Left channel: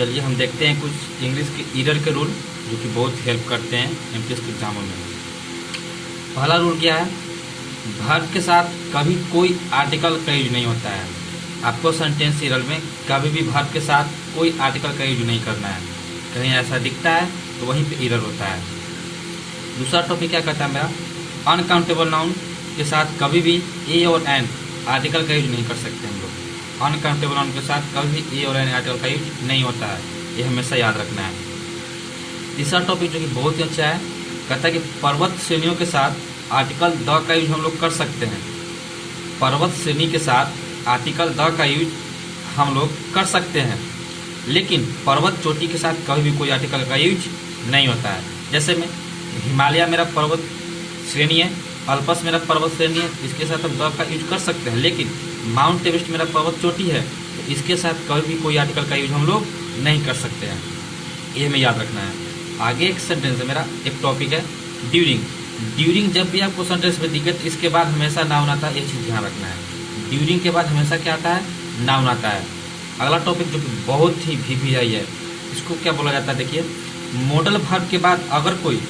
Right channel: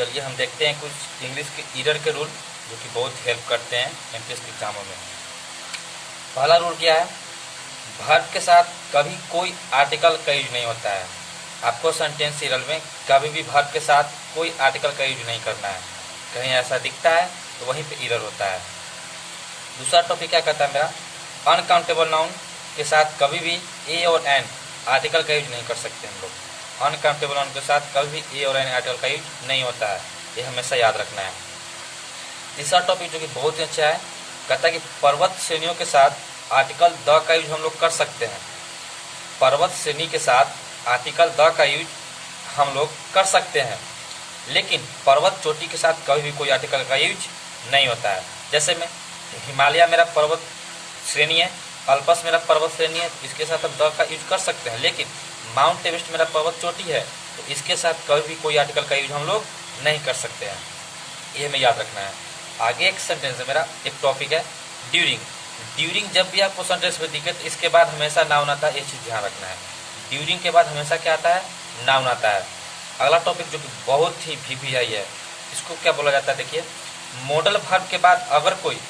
चलिए हम देखते हैं कुछ इंग्लिश के ईरर के रूल जो कि बहुत हेल्प करते हैं एमटीएस के एग्जामों में। पहला रूल क्या है, वर्ब के साथ कभी कोई आर्टिकल का यूज नहीं होता है। आपको सेंटेंस ईरर में कभी भी वर्ब के साथ कोई आर्टिकल का यूज नहीं करना है। कहीं ऐसा दिखता है तो वहीं पे ईरर होता है। दूसरा टॉपिक क्या कहता है मेरा, अनकाउंटेबल नाउन के साथ कभी भी ए और एन आर्टिकल का यूज नहीं कर सकते हम लोग। अनकाउंटेबल नाउन के साथ कभी भी ए और एन आर्टिकल का यूज नहीं होता है, ये हमेशा याद रखना है। तीसरा टॉपिक जो कि बहुत ही अच्छा है, कहता है कि पर्वत श्रेणियों के साथ आर्टिकल द का यूज हम लोग कर सकते हैं। पर्वत श्रेणी के साथ आर्टिकल द का यूज हम लोग कर सकते हैं, लेकिन पर्वत चोटी के साथ कभी भी कोई आर्टिकल का यूज नहीं होता है। जैसे मैं हिमालय मेरा पर्वत श्रेणी है, अल्पस मेरा पर्वत श्रेणी है, इसके साथ हम द का यूज कर सकते हैं, लेकिन माउंट एवरेस्ट मेरा पर्वत चोटी है तो इसके साथ कभी भी कोई आर्टिकल का यूज हम लोग नहीं कर सकते हैं, ये हमें याद रखना है। आगे एक सेंटेंस है मेरा, एक टॉपिक है ड्यूरिंग। ड्यूरिंग जब भी आपको सेंटेंस में दिखे तो इसके बाद हमेशा नाउन आता है, ये चीज ध्यान रखना है। ड्यूरिंग के बाद हमेशा क्या आता है, नाउन आता है। अगला टॉपिक जो कि बहुत ही VVI है, इसको क्या बोला जाता है, देखिए मॉडल वर्ब के बाद अगर कोई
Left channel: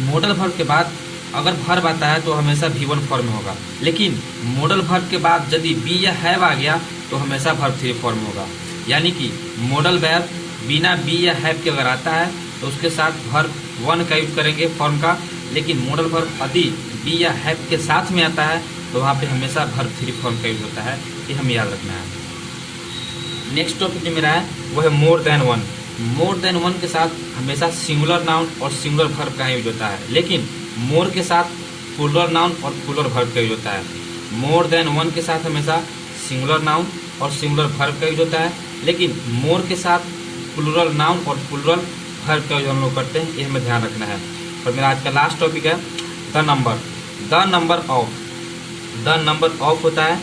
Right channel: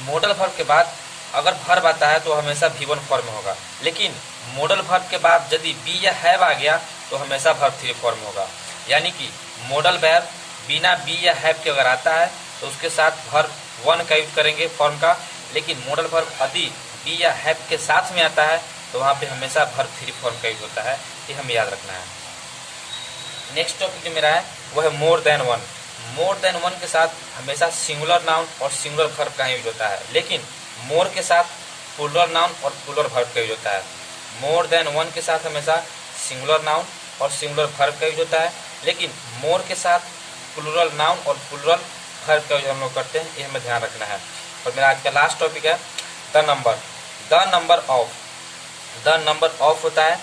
मॉडल वर्ब के बाद अगर वर्ब आता है तो हमेशा V1 फॉर्म में होगा, लेकिन मॉडल वर्ब के बाद यदि बी या हैव आ गया तो हमेशा वर्ब 3 फॉर्म में होगा। यानी कि मॉडल वर्ब बिना बी या हैव के अगर आता है तो उसके साथ वर्ब 1 का यूज करेंगे फॉर्म का, लेकिन मॉडल वर्ब यदि बी या हैव के साथ में आता है तो वहाँ पे हमेशा वर्ब 3 फॉर्म का यूज होता है, ये हमें याद रखना है। नेक्स्ट टॉपिक जो मेरा है वो है more than one. More than one के साथ हमेशा सिंगुलर नाउन और सिंगुलर वर्ब का यूज होता है, लेकिन मोर के साथ प्लूरल नाउन और प्लूरल वर्ब का यूज होता है। मोर देन वन के साथ हमेशा सिंगुलर नाउन और सिंगुलर वर्ब का यूज होता है, लेकिन मोर के साथ प्लूरल नाउन और प्लूरल वर्ब का यूज हम लोग करते हैं, ये हमें ध्यान रखना है। और मेरा आज का लास्ट टॉपिक है the number. The number of. The number of होता है,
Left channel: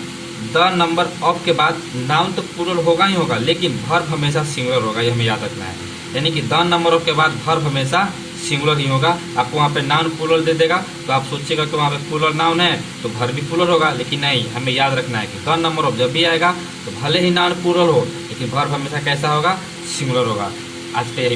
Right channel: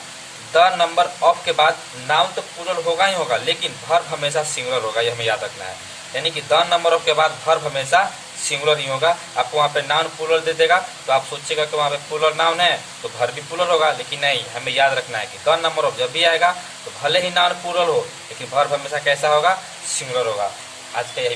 द नंबर ऑफ के बाद नाउन तो प्लूरल होगा ही होगा, लेकिन वर्ब हमेशा सिंगुलर होगा, ये हमें याद रखना है। यानी कि द नंबर ऑफ के बाद वर्ब हमेशा सिंगुलर ही होगा। आपको वहाँ पे नाउन प्लूरल दे देगा तो आप सोचिएगा कि वहाँ पे प्लूरल नाउन है तो वर्ब भी प्लूरल होगा, लेकिन नहीं, हमें याद रखना है कि द नंबर ऑफ जब भी आएगा तो भले ही नाउन प्लूरल हो लेकिन वर्ब हमेशा कैसा होगा, सिंगुलर होगा। आज का यही